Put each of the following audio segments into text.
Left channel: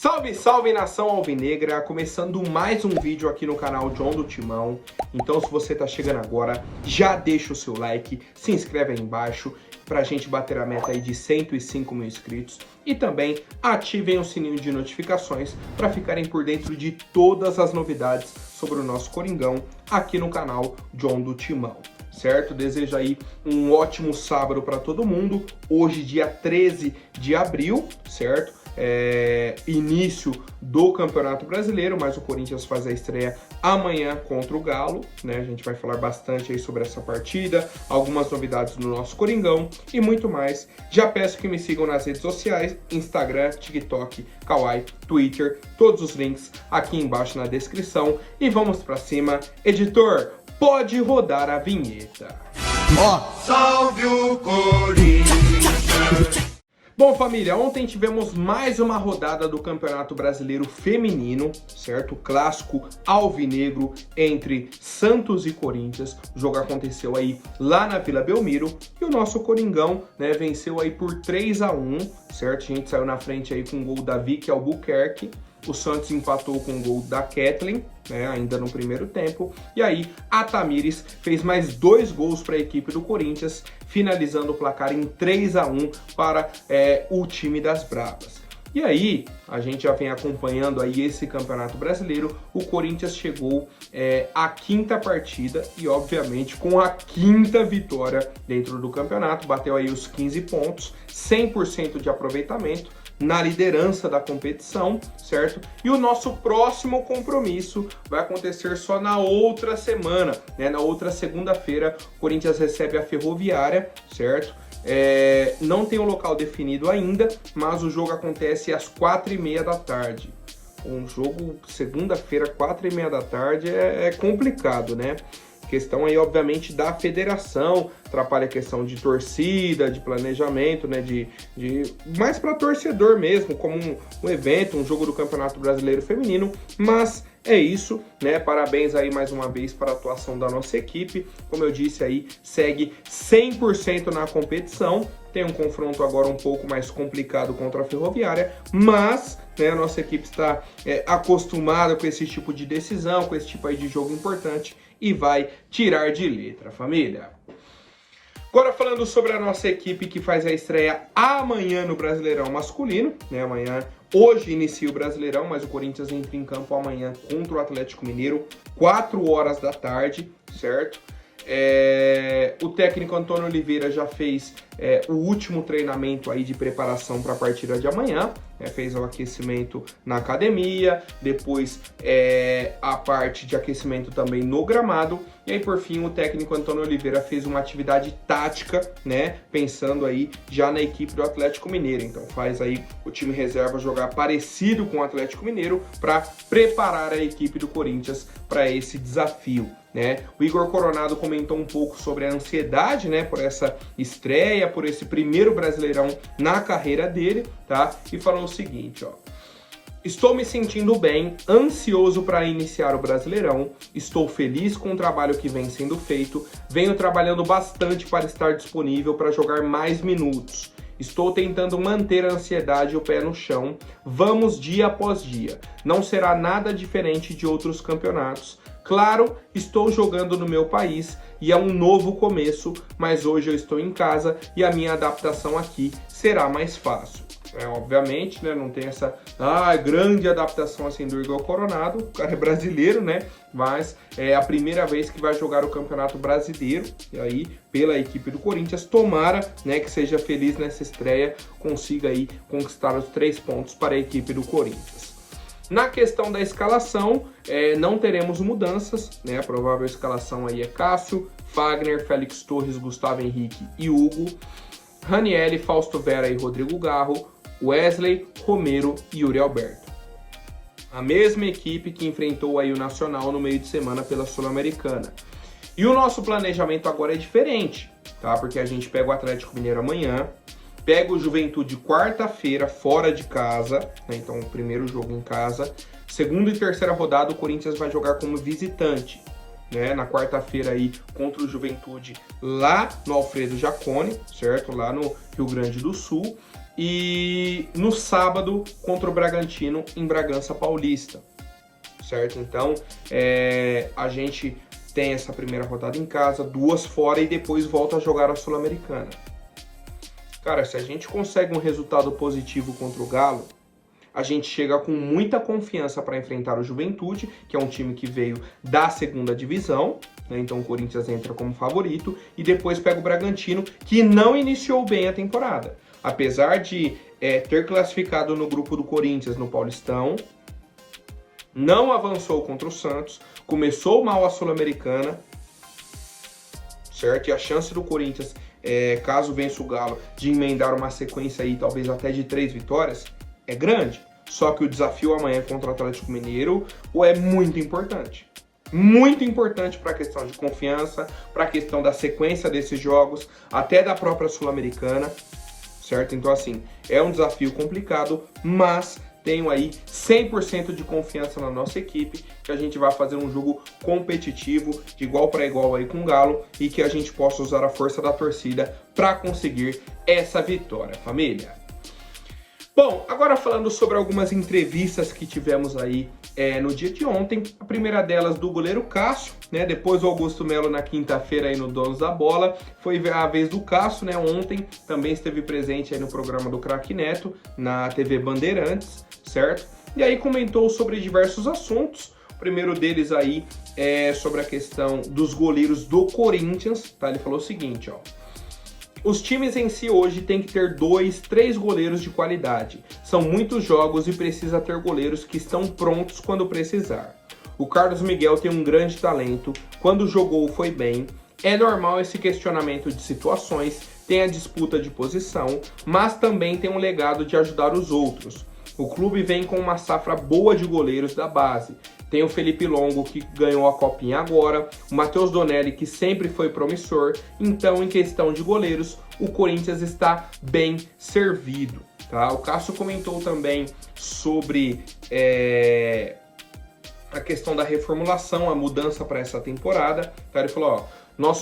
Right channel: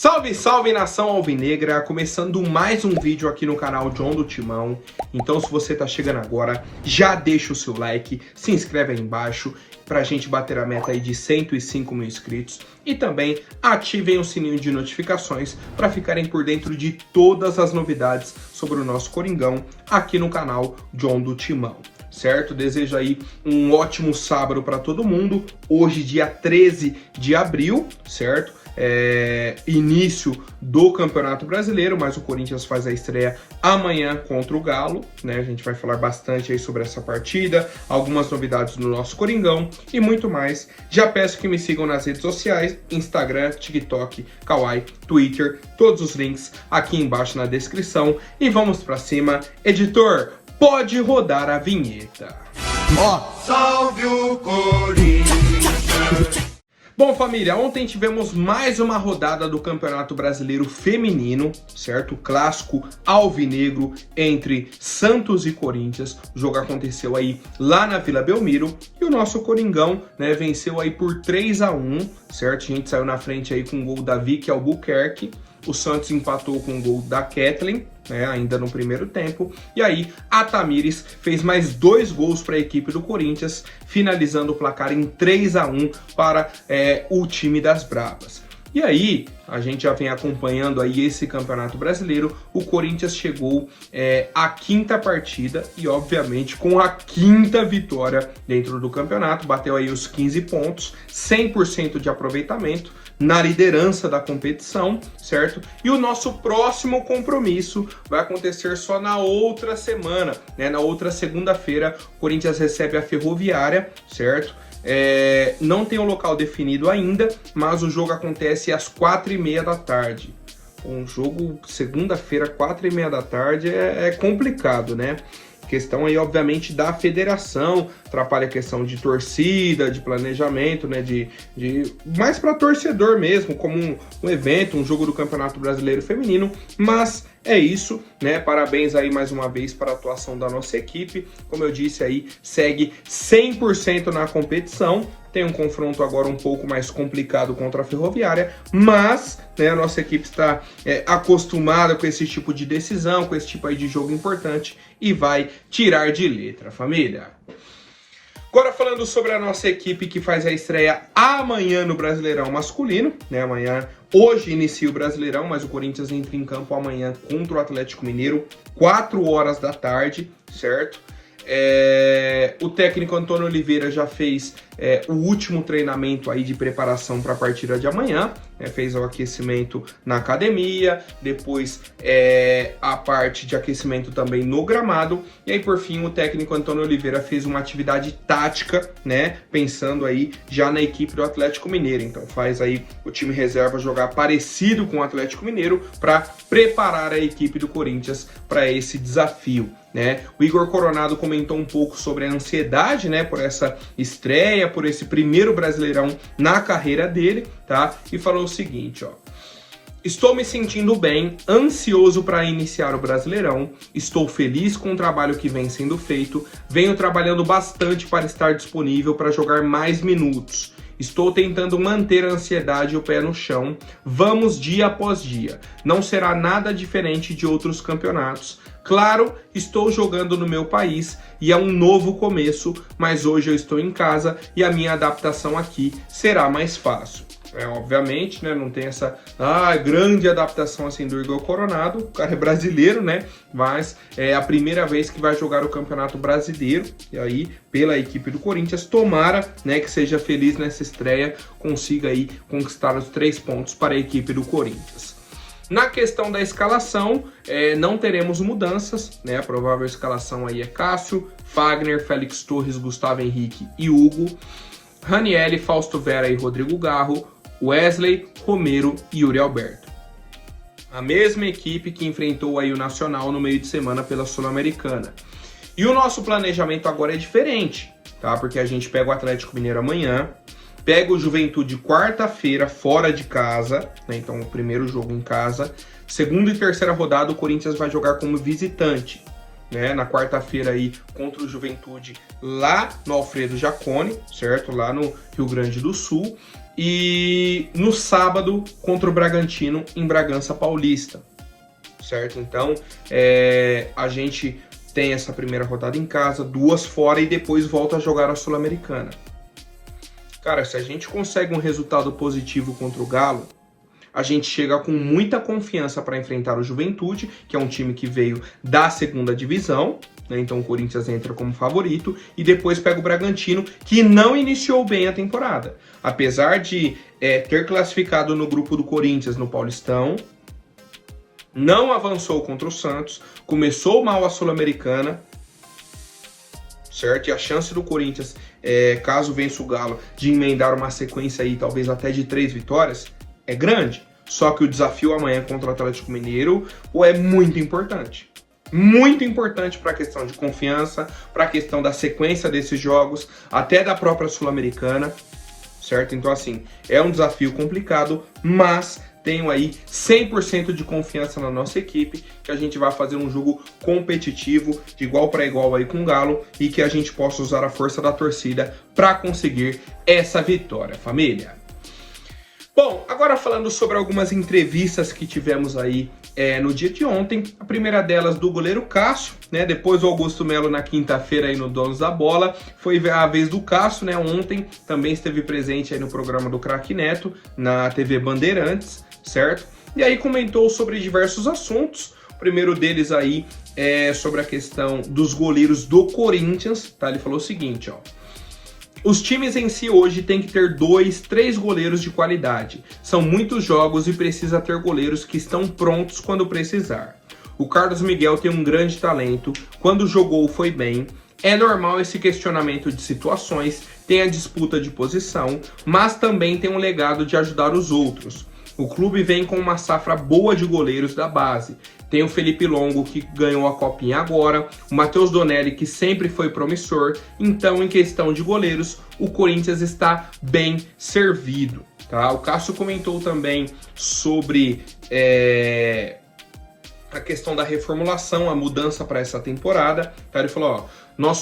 Salve, salve nação alvinegra, começando mais um vídeo aqui no canal John do Timão. Então se você tá chegando agora, já deixa o seu like, se inscreve aí embaixo pra gente bater a meta aí de 105 mil inscritos. E também ativem o sininho de notificações para ficarem por dentro de todas as novidades sobre o nosso Coringão aqui no canal John do Timão. Certo? Desejo aí um ótimo sábado para todo mundo. Hoje, dia 13 de abril, certo? Início do Campeonato Brasileiro, mas o Corinthians faz a estreia amanhã contra o Galo, né? A gente vai falar bastante aí sobre essa partida, algumas novidades no nosso Coringão e muito mais. Já peço que me sigam nas redes sociais, Instagram, TikTok, Kawaii, Twitter, todos os links aqui embaixo na descrição. E vamos para cima. Editor, pode rodar a vinheta. Salve o Corinthians! Bom, família, ontem tivemos mais uma rodada do Campeonato Brasileiro Feminino, certo? O clássico alvinegro entre Santos e Corinthians. O jogo aconteceu aí lá na Vila Belmiro e o nosso Coringão, né, venceu aí por 3-1, certo? A gente saiu na frente aí com o gol da Vicky Albuquerque. O Santos empatou com o gol da Kathleen, né, ainda no primeiro tempo. E aí a Tamires fez mais 2 gols para a equipe do Corinthians, finalizando o placar em 3-1 para o time das Bravas. E aí, a gente já vem acompanhando aí esse Campeonato Brasileiro. O Corinthians chegou à 5ª partida e, obviamente, com a 5ª vitória dentro do campeonato. Bateu aí os 15 pontos, 100% de aproveitamento na liderança da competição, certo? E o nosso próximo compromisso vai acontecer só na outra semana, né? Na outra segunda-feira, o Corinthians recebe a Ferroviária, certo? Não tem um local definido ainda, mas o jogo acontece às 4h30 da tarde. Um jogo segunda-feira, 4h30 da tarde, é complicado, né? Questão aí, obviamente, da federação, atrapalha a questão de torcida, de planejamento, né, mais para torcedor mesmo, como um evento, um jogo do Campeonato Brasileiro Feminino, mas é isso, né, parabéns aí mais uma vez para a atuação da nossa equipe, como eu disse aí, segue 100% na competição. Tem um confronto agora um pouco mais complicado contra a Ferroviária, mas, né, a nossa equipe está acostumada com esse tipo de decisão, com esse tipo aí de jogo importante e vai tirar de letra, família. Agora falando sobre a nossa equipe que faz a estreia amanhã no Brasileirão masculino, né, hoje inicia o Brasileirão, mas o Corinthians entra em campo amanhã contra o Atlético Mineiro, 4 horas da tarde, certo? O técnico Antônio Oliveira já fez o último treinamento aí de preparação para a partida de amanhã, fez o aquecimento na academia, depois a parte de aquecimento também no gramado, e aí por fim o técnico Antônio Oliveira fez uma atividade tática, né, pensando aí já na equipe do Atlético Mineiro. Então faz aí o time reserva jogar parecido com o Atlético Mineiro para preparar a equipe do Corinthians para esse desafio, né? O Igor Coronado comentou um pouco sobre a ansiedade, né, por essa estreia, por esse primeiro Brasileirão na carreira dele, tá? E falou o seguinte, ó: estou me sentindo bem, ansioso para iniciar o Brasileirão, estou feliz com o trabalho que vem sendo feito, venho trabalhando bastante para estar disponível para jogar mais minutos. Estou tentando manter a ansiedade e o pé no chão, vamos dia após dia, não será nada diferente de outros campeonatos. Claro, estou jogando no meu país e é um novo começo, mas hoje eu estou em casa e a minha adaptação aqui será mais fácil. Obviamente, né, não tem essa grande adaptação assim do Igor Coronado, o cara é brasileiro, né, mas é a primeira vez que vai jogar o Campeonato Brasileiro, e aí pela equipe do Corinthians, tomara, né, que seja feliz nessa estreia, consiga aí conquistar os 3 pontos para a equipe do Corinthians. Na questão da escalação, não teremos mudanças, né? A provável escalação aí é Cássio, Fagner, Félix Torres, Gustavo Henrique e Hugo, Ranieri, Fausto Vera e Rodrigo Garro, Wesley, Romero e Yuri Alberto. A mesma equipe que enfrentou aí o Nacional no meio de semana pela Sul-Americana. E o nosso planejamento agora é diferente, tá? Porque a gente pega o Atlético Mineiro amanhã, pega o Juventude quarta-feira fora de casa, né? Então o primeiro jogo em casa. Segunda e terceira rodada o Corinthians vai jogar como visitante, né? Na quarta-feira aí contra o Juventude lá no Alfredo Jaconi, certo? Lá no Rio Grande do Sul. e no sábado contra o Bragantino em Bragança Paulista, certo? Então a gente tem essa primeira rodada em casa, 2 fora e depois volta a jogar a Sul-Americana. Cara, se a gente consegue um resultado positivo contra o Galo, a gente chega com muita confiança para enfrentar o Juventude, que é um time que veio da segunda divisão, né? Então o Corinthians entra como favorito, e depois pega o Bragantino, que não iniciou bem a temporada. Apesar de ter classificado no grupo do Corinthians no Paulistão, não avançou contra o Santos, começou mal a Sul-Americana, certo? E a chance do Corinthians, caso vença o Galo, de emendar uma sequência aí, talvez até de 3 vitórias, é grande. Só que o desafio amanhã contra o Atlético Mineiro é muito importante. Muito importante para a questão de confiança, para a questão da sequência desses jogos, até da própria Sul-Americana, certo? Então, assim, é um desafio complicado, mas tenho aí 100% de confiança na nossa equipe, que a gente vai fazer um jogo competitivo, de igual para igual aí com o Galo, e que a gente possa usar a força da torcida para conseguir essa vitória, família. Bom, agora falando sobre algumas entrevistas que tivemos aí no dia de ontem, a primeira delas do goleiro Cássio, né? Depois o Augusto Melo na quinta-feira aí no Donos da Bola, foi a vez do Cássio, né? Ontem também esteve presente aí no programa do Craque Neto, na TV Bandeirantes, certo? E aí comentou sobre diversos assuntos. O primeiro deles aí é sobre a questão dos goleiros do Corinthians, tá? Ele falou o seguinte, ó: os times em si hoje têm que ter 2, 3 goleiros de qualidade. São muitos jogos e precisa ter goleiros que estão prontos quando precisar. O Carlos Miguel tem um grande talento, quando jogou foi bem. É normal esse questionamento de situações, tem a disputa de posição, mas também tem um legado de ajudar os outros. O clube vem com uma safra boa de goleiros da base. Tem o Felipe Longo, que ganhou a copinha agora, o Matheus Donelli, que sempre foi promissor. Então, em questão de goleiros, o Corinthians está bem servido, tá? O Cássio comentou também sobre a questão da reformulação, a mudança para essa temporada, tá? Ele falou, ó,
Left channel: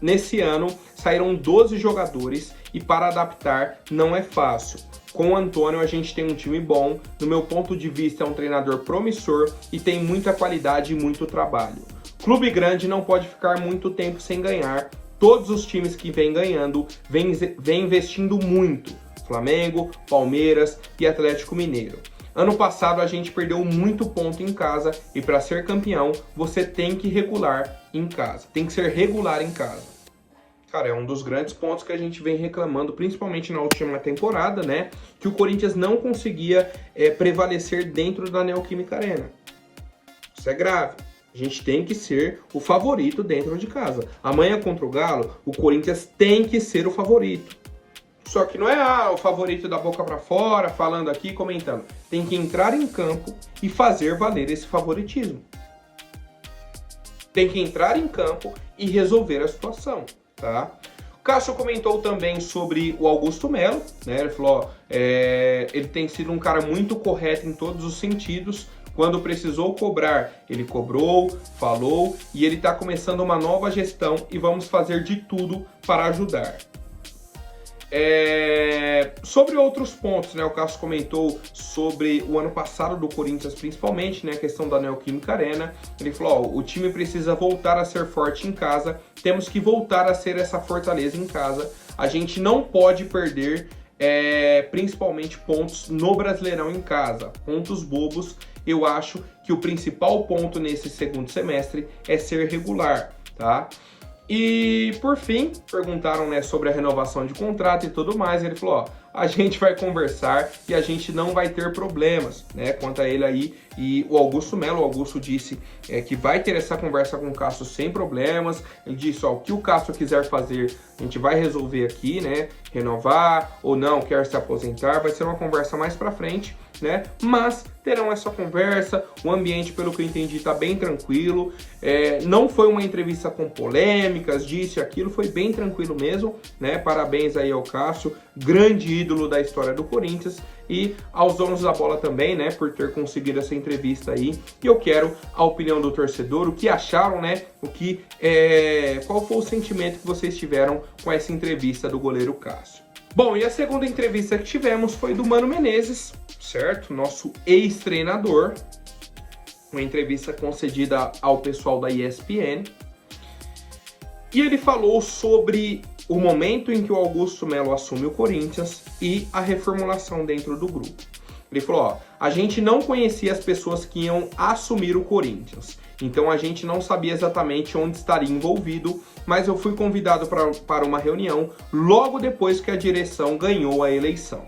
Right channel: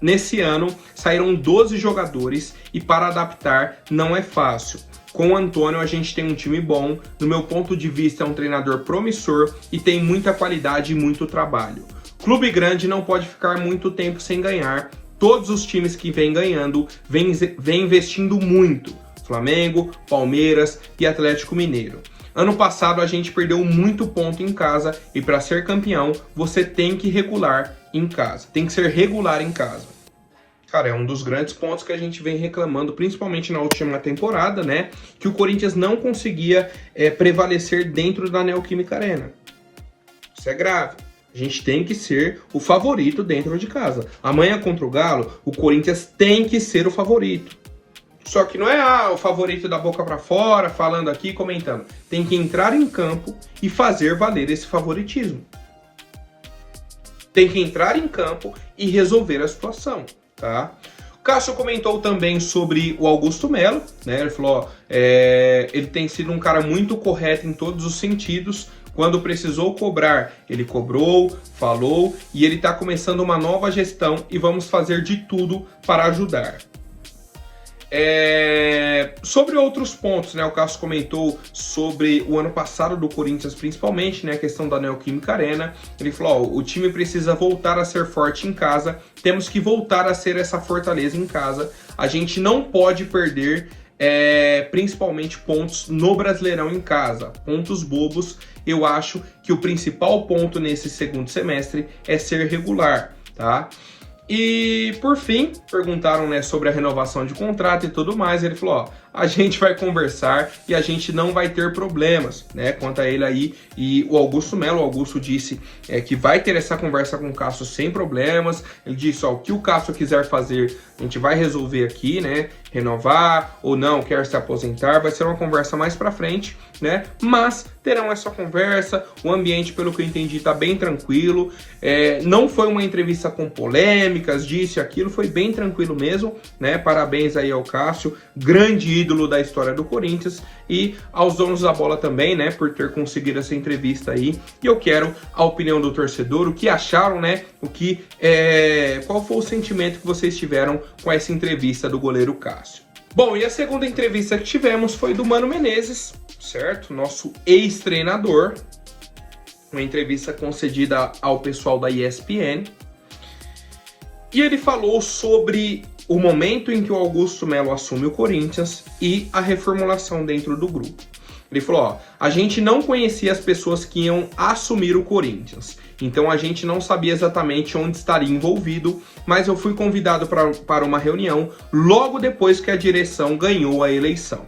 nesse ano saíram 12 jogadores e para adaptar não é fácil. Com o Antônio a gente tem um time bom, no meu ponto de vista é um treinador promissor e tem muita qualidade e muito trabalho. Clube grande não pode ficar muito tempo sem ganhar, todos os times que vêm ganhando vêm investindo muito, Flamengo, Palmeiras e Atlético Mineiro. Ano passado a gente perdeu muito ponto em casa e para ser campeão você tem que regular em casa, tem que ser regular em casa. Cara, é um dos grandes pontos que a gente vem reclamando, principalmente na última temporada, né? Que o Corinthians não conseguia prevalecer dentro da Neoquímica Arena. Isso é grave. A gente tem que ser o favorito dentro de casa. Amanhã contra o Galo, o Corinthians tem que ser o favorito. Só que não é o favorito da boca para fora, falando aqui, comentando. Tem que entrar em campo e fazer valer esse favoritismo. Tem que entrar em campo e resolver a situação. Tá? O Cássio comentou também sobre o Augusto Melo, né? Ele falou, ele tem sido um cara muito correto em todos os sentidos. Quando precisou cobrar, ele cobrou, falou, e ele está começando uma nova gestão e vamos fazer de tudo para ajudar. Sobre outros pontos, né? O Cássio comentou sobre o ano passado do Corinthians, principalmente, né? A questão da Neoquímica Arena. Ele falou, ó, o time precisa voltar a ser forte em casa, temos que voltar a ser essa fortaleza em casa. A gente não pode perder, principalmente pontos no Brasileirão em casa, pontos bobos. Eu acho que o principal ponto nesse segundo semestre é ser regular, tá? E, por fim, perguntaram, né, sobre a renovação de contrato e tudo mais. Ele falou, ó, a gente vai conversar e a gente não vai ter problemas, né, quanto a ele aí. E o Augusto Melo, o Augusto disse que vai ter essa conversa com o Cássio sem problemas. Ele disse, ó, o que o Cássio quiser fazer, a gente vai resolver aqui, né, renovar ou não, quer se aposentar, vai ser uma conversa mais pra frente, né, mas terão essa conversa. O ambiente, pelo que eu entendi, tá bem tranquilo, não foi uma entrevista com polêmicas, disso e aquilo, foi bem tranquilo mesmo, né, parabéns aí ao Cássio, grande ídolo da história do Corinthians, e aos donos da bola também, né, por ter conseguido essa entrevista aí. E eu quero a opinião do torcedor, o que acharam, né, qual foi o sentimento que vocês tiveram com essa entrevista do goleiro Cássio. Bom, e a segunda entrevista que tivemos foi do Mano Menezes, certo? Nosso ex-treinador. Uma entrevista concedida ao pessoal da ESPN. E ele falou sobre o momento em que o Augusto Melo assume o Corinthians e a reformulação dentro do grupo. Ele falou, ó, a gente não conhecia as pessoas que iam assumir o Corinthians, então a gente não sabia exatamente onde estaria envolvido, mas eu fui convidado para uma reunião logo depois que a direção ganhou a eleição.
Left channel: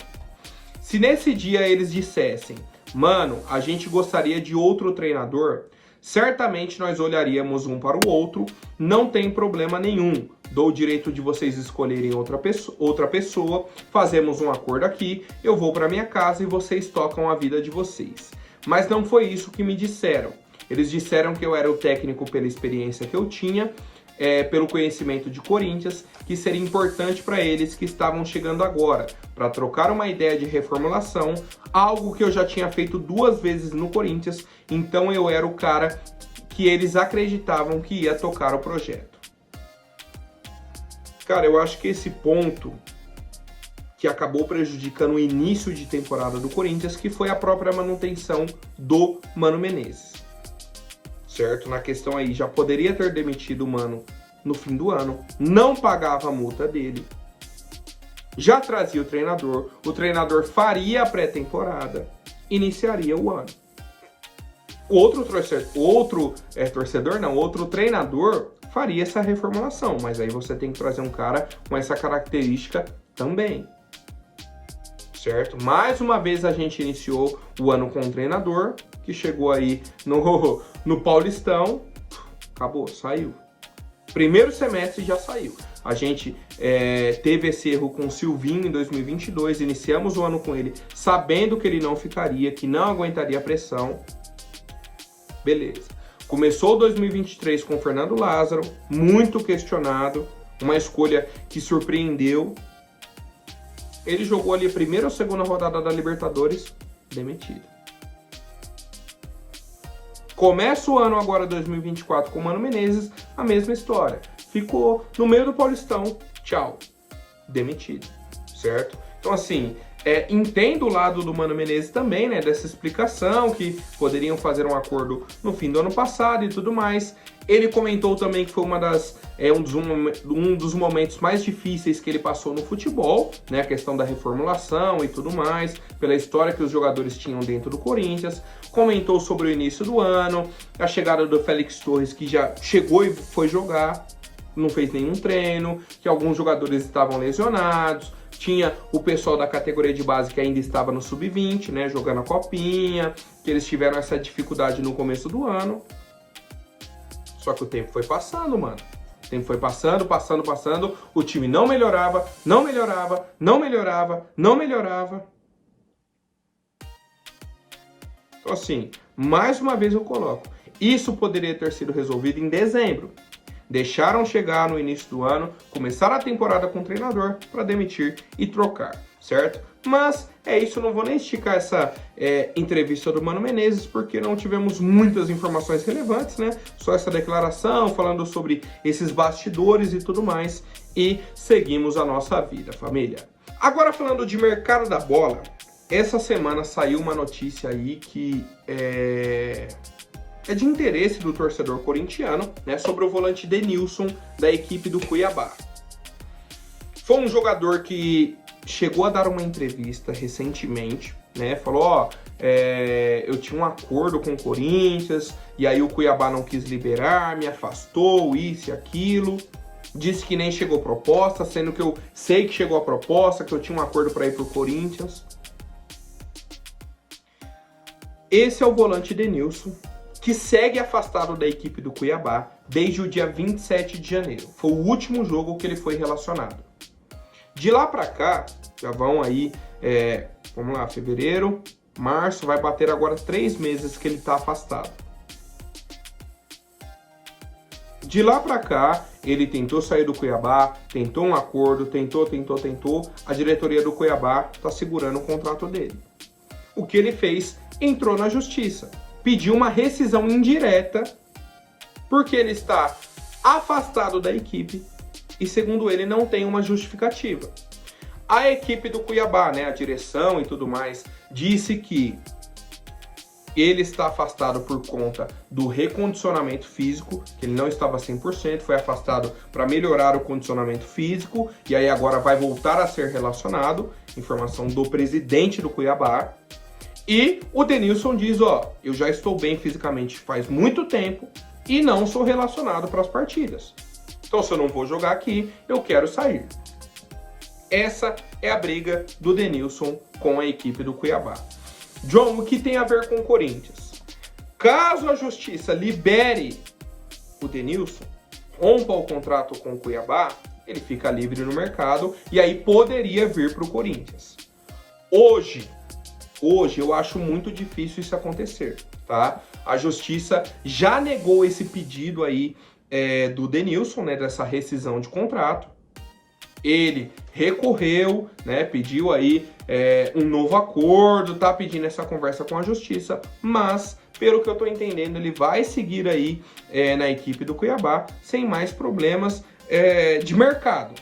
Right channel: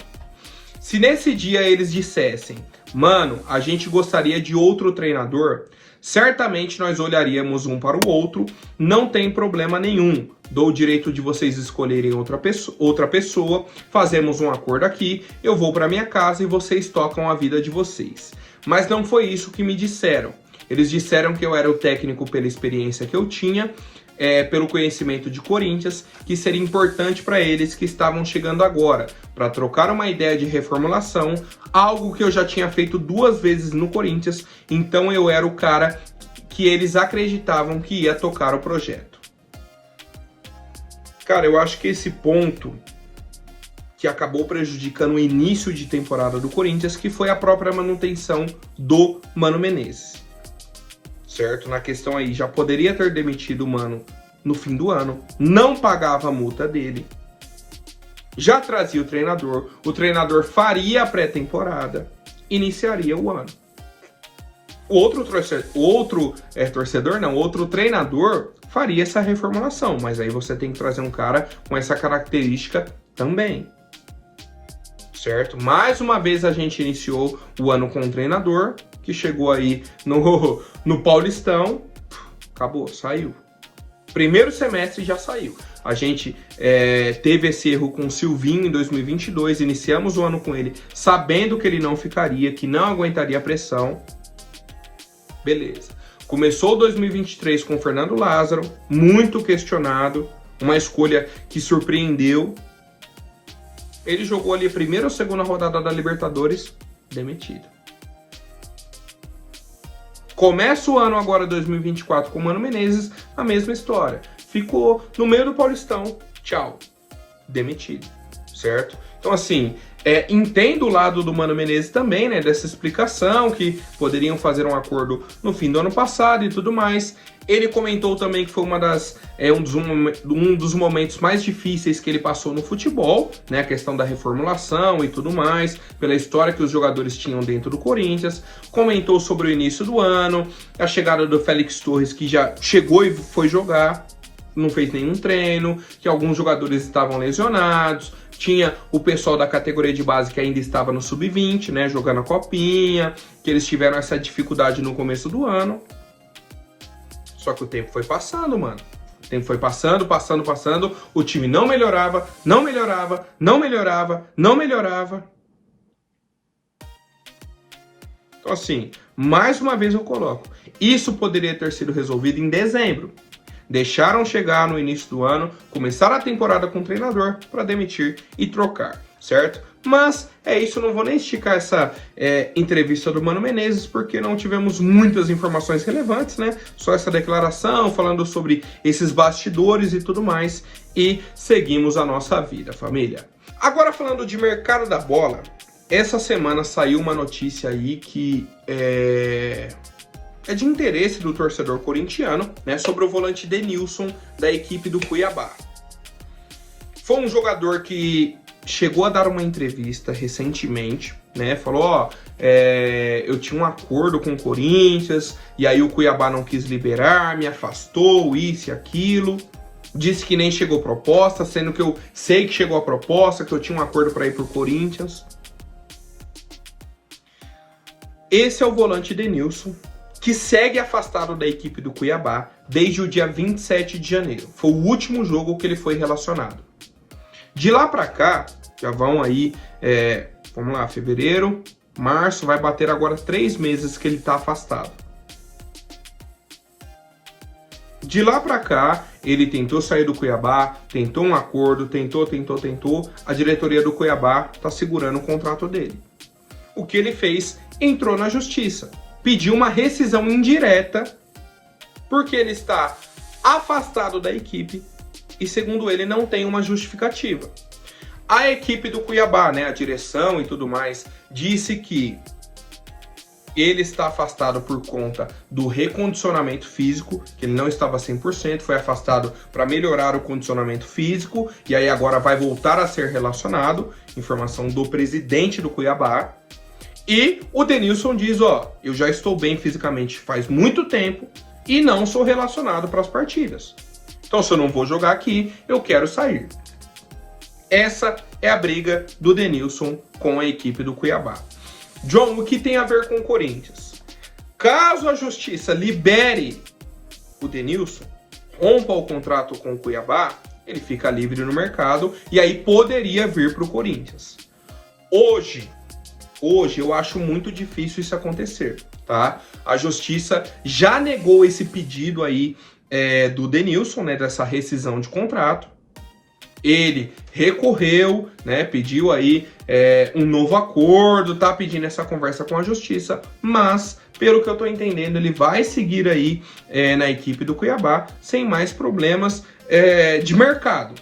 Se nesse dia eles dissessem, mano, a gente gostaria de outro treinador, certamente nós olharíamos um para o outro, não tem problema nenhum. Dou o direito de vocês escolherem outra pessoa, fazemos um acordo aqui, eu vou para minha casa e vocês tocam a vida de vocês. Mas não foi isso que me disseram. Eles disseram que eu era o técnico pela experiência que eu tinha, pelo conhecimento de Corinthians, que seria importante para eles que estavam chegando agora, para trocar uma ideia de reformulação, algo que eu já tinha feito 2 vezes no Corinthians, então eu era o cara que eles acreditavam que ia tocar o projeto. Cara, eu acho que esse ponto que acabou prejudicando o início de temporada do Corinthians, que foi a própria manutenção do Mano Menezes. Certo? Na questão aí, já poderia ter demitido o Mano no fim do ano, não pagava a multa dele, já trazia o treinador faria a pré-temporada, iniciaria o ano. Outro treinador faria essa reformulação, mas aí você tem que trazer um cara com essa característica também. Certo? Mais uma vez a gente iniciou o ano com um treinador que chegou aí no Paulistão, acabou, saiu. Primeiro semestre já saiu. A gente teve esse erro com o Silvinho em 2022, iniciamos o ano com ele sabendo que ele não ficaria, que não aguentaria a pressão. Beleza. Começou 2023 com o Fernando Lázaro, muito questionado, uma escolha que surpreendeu. Ele jogou ali a primeira ou segunda rodada da Libertadores, demitido. Começa o ano agora, 2024, com o Mano Menezes, a mesma história. Ficou no meio do Paulistão, tchau, demitido, certo? Então, assim, entendo o lado do Mano Menezes também, né, dessa explicação, que poderiam fazer um acordo no fim do ano passado e tudo mais. Ele comentou também que foi um dos momentos mais difíceis que ele passou no futebol, né? A questão da reformulação e tudo mais, pela história que os jogadores tinham dentro do Corinthians. Comentou sobre o início do ano, a chegada do Félix Torres, que já chegou e foi jogar, não fez nenhum treino, que alguns jogadores estavam lesionados. Tinha o pessoal da categoria de base que ainda estava no sub-20, né? Jogando a copinha, que eles tiveram essa dificuldade no começo do ano. Só que o tempo foi passando, mano. O tempo foi passando, o time não melhorava. Então, assim, mais uma vez eu coloco, isso poderia ter sido resolvido em dezembro. Deixaram chegar no início do ano, começar a temporada com o treinador para demitir e trocar, certo? Mas é isso, não vou nem esticar essa entrevista do Mano Menezes, porque não tivemos muitas informações relevantes, né? Só essa declaração, falando sobre esses bastidores e tudo mais, e seguimos a nossa vida, família. Agora, falando de mercado da bola, essa semana saiu uma notícia aí que é de interesse do torcedor corintiano, né, sobre o volante Denilson da equipe do Cuiabá. Foi um jogador que chegou a dar uma entrevista recentemente, né, falou, eu tinha um acordo com o Corinthians, e aí o Cuiabá não quis liberar, me afastou, isso e aquilo. Disse que nem chegou proposta, sendo que eu sei que chegou a proposta, que eu tinha um acordo para ir pro Corinthians. Esse é o volante Denilson, que segue afastado da equipe do Cuiabá desde o dia 27 de janeiro. Foi o último jogo que ele foi relacionado. De lá para cá, já vão aí, vamos lá, fevereiro, março, vai bater agora 3 meses que ele está afastado. De lá para cá, ele tentou sair do Cuiabá, tentou um acordo, tentou. A diretoria do Cuiabá está segurando o contrato dele. O que ele fez? Entrou na justiça. Pediu uma rescisão indireta, porque ele está afastado da equipe e, segundo ele, não tem uma justificativa. A equipe do Cuiabá, né, a direção e tudo mais, disse que ele está afastado por conta do recondicionamento físico, que ele não estava 100%, foi afastado para melhorar o condicionamento físico, e aí agora vai voltar a ser relacionado, informação do presidente do Cuiabá. E o Denilson diz, ó, eu já estou bem fisicamente faz muito tempo e não sou relacionado para as partidas. Então se eu não vou jogar aqui, eu quero sair. Essa é a briga do Denilson com a equipe do Cuiabá. John, o que tem a ver com o Corinthians? Caso a justiça libere o Denilson, rompa o contrato com o Cuiabá, ele fica livre no mercado e aí poderia vir para o Corinthians. Hoje eu acho muito difícil isso acontecer, tá? A justiça já negou esse pedido aí do Denilson, né, dessa rescisão de contrato. Ele recorreu, né, pediu aí um novo acordo, tá pedindo essa conversa com a justiça, mas, pelo que eu tô entendendo, ele vai seguir aí na equipe do Cuiabá sem mais problemas de mercado,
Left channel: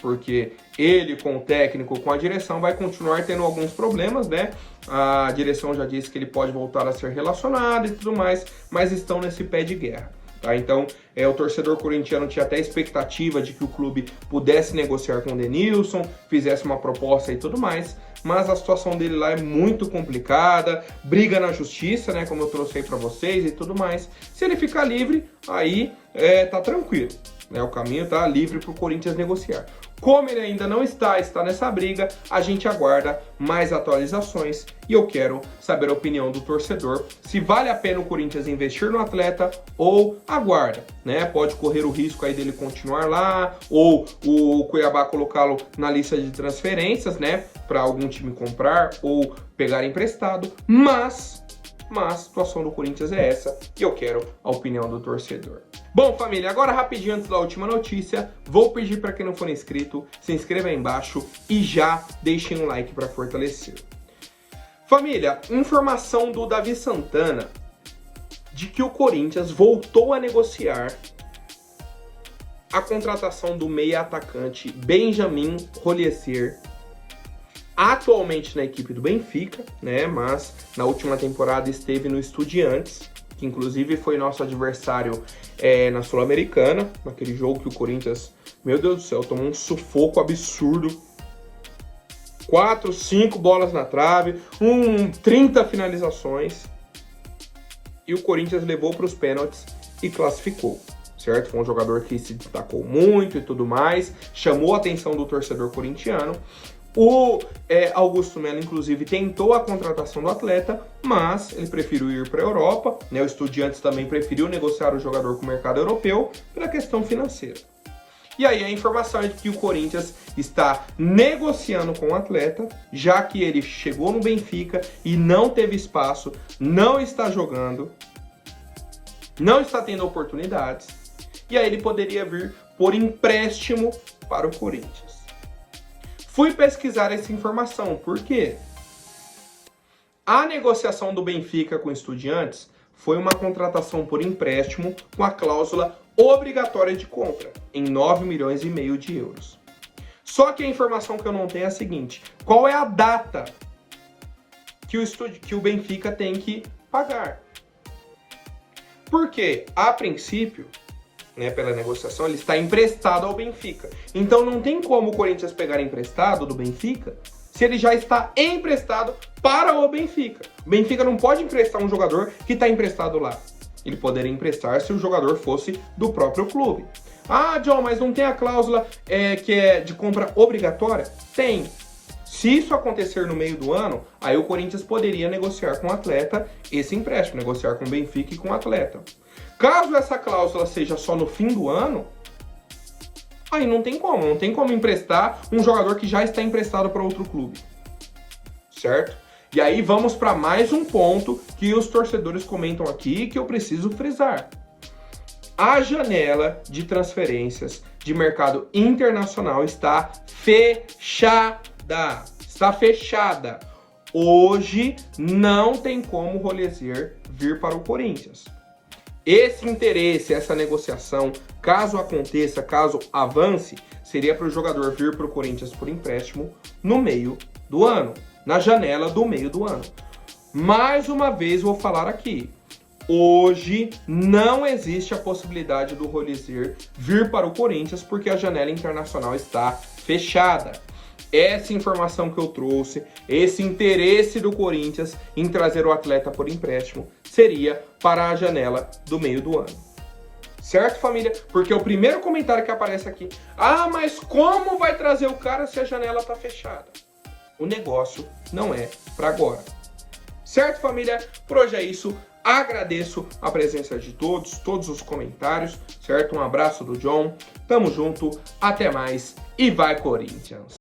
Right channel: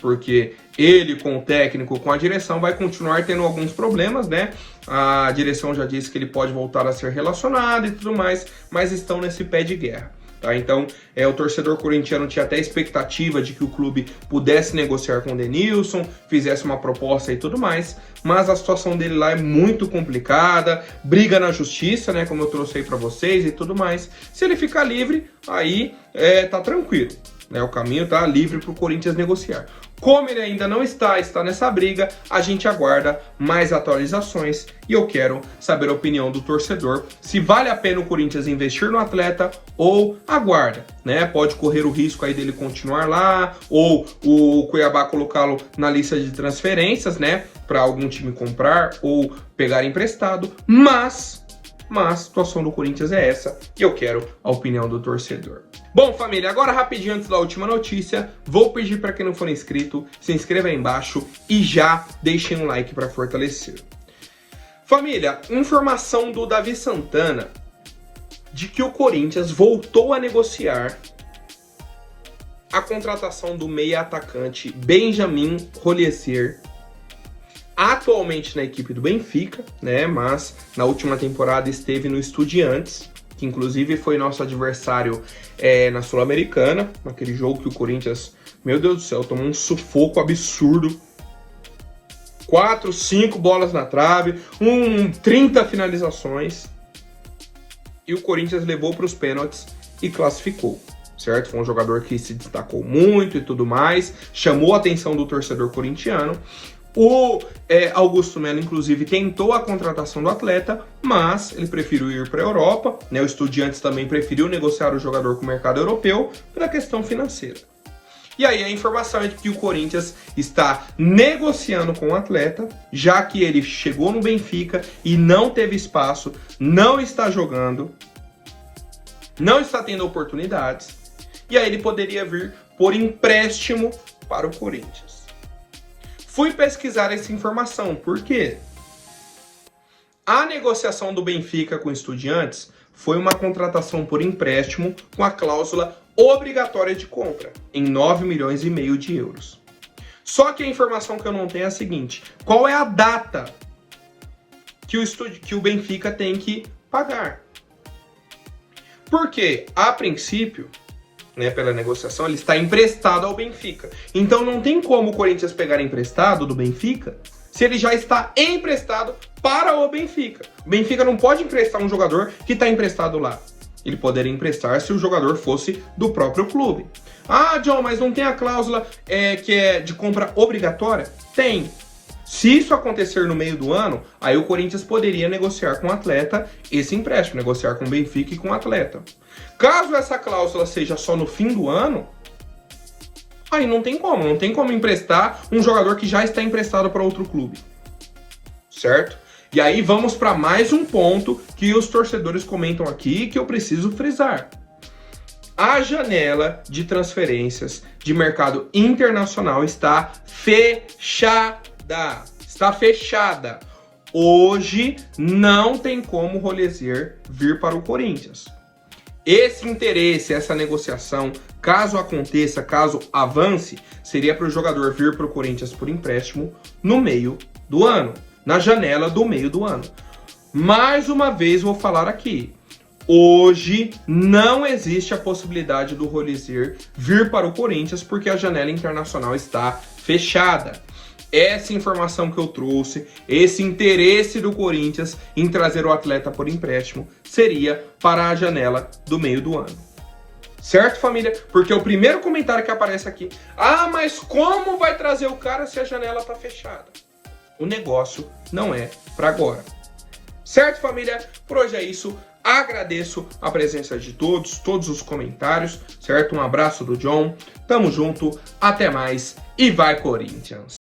porque ele com o técnico, com a direção, vai continuar tendo alguns problemas, né? A direção já disse que ele pode voltar a ser relacionado e tudo mais, mas estão nesse pé de guerra. Tá? Então, o torcedor corintiano tinha até expectativa de que o clube pudesse negociar com o Denilson, fizesse uma proposta e tudo mais, mas a situação dele lá é muito complicada, briga na justiça, né, como eu trouxe aí para vocês e tudo mais. Se ele ficar livre, aí tá tranquilo, né, o caminho tá livre para o Corinthians negociar. Como ele ainda não está nessa briga, a gente aguarda mais atualizações e eu quero saber a opinião do torcedor, se vale a pena o Corinthians investir no atleta ou aguarda, né? Pode correr o risco aí dele continuar lá ou o Cuiabá colocá-lo na lista de transferências, né? Para algum time comprar ou pegar emprestado, mas a situação do Corinthians é essa e eu quero a opinião do torcedor. Bom, família, agora rapidinho antes da última notícia, vou pedir para quem não for inscrito, se inscreva aí embaixo e já deixem um like para fortalecer. Família, informação do Davi Santana de que o Corinthians voltou a negociar a contratação do meia atacante Benjamin Roliezer, atualmente na equipe do Benfica, né? Mas na última temporada esteve no Estudiantes, que inclusive foi nosso adversário na Sul-Americana, naquele jogo que o Corinthians, meu Deus do céu, tomou um sufoco absurdo. 4, 5 bolas na trave, 30 finalizações. E o Corinthians levou para os pênaltis e classificou, certo? Foi um jogador que se destacou muito e tudo mais, chamou a atenção do torcedor corintiano. O Augusto Melo, inclusive, tentou a contratação do atleta, mas ele preferiu ir para a Europa, né? O Estudiantes também preferiu negociar o jogador com o mercado europeu pela questão financeira. E aí a informação é de que o Corinthians está negociando com o atleta, já que ele chegou no Benfica e não teve espaço, não está jogando, não está tendo oportunidades, e aí ele poderia vir por empréstimo para o Corinthians. Fui pesquisar essa informação, por quê? A negociação do Benfica com Estudiantes foi uma contratação por empréstimo com a cláusula obrigatória de compra, em 9,5 milhões de euros. Só que a informação que eu não tenho é a seguinte: qual é a data que o Benfica tem que pagar? Porque, a princípio, né, pela negociação, ele está emprestado ao Benfica. Então não tem como o Corinthians pegar emprestado do Benfica se ele já está emprestado para o Benfica. O Benfica não pode emprestar um jogador que está emprestado lá. Ele poderia emprestar se o jogador fosse do próprio clube. Ah, John, mas não tem a cláusula que é de compra obrigatória? Tem. Se isso acontecer no meio do ano, aí o Corinthians poderia negociar com o atleta esse empréstimo, negociar com o Benfica e com o atleta. Caso essa cláusula seja só no fim do ano, aí não tem como emprestar um jogador que já está emprestado para outro clube, certo? E aí vamos para mais um ponto que os torcedores comentam aqui que eu preciso frisar. A janela de transferências de mercado internacional está fechada. Está fechada. Hoje não tem como o Roliezer vir para o Corinthians. Esse interesse, essa negociação, caso aconteça, caso avance, seria para o jogador vir para o Corinthians por empréstimo no meio do ano, na janela do meio do ano. Mais uma vez vou falar aqui, hoje não existe a possibilidade do Rolizer vir para o Corinthians porque a janela internacional está fechada. Essa informação que eu trouxe, esse interesse do Corinthians em trazer o atleta por empréstimo, seria para a janela do meio do ano. Certo, família? Porque o primeiro comentário que aparece aqui, mas como vai trazer o cara se a janela está fechada? O negócio não é para agora. Certo, família? Por hoje é isso. Agradeço a presença de todos os comentários, certo? Um abraço do John. Tamo junto, até mais e vai Corinthians!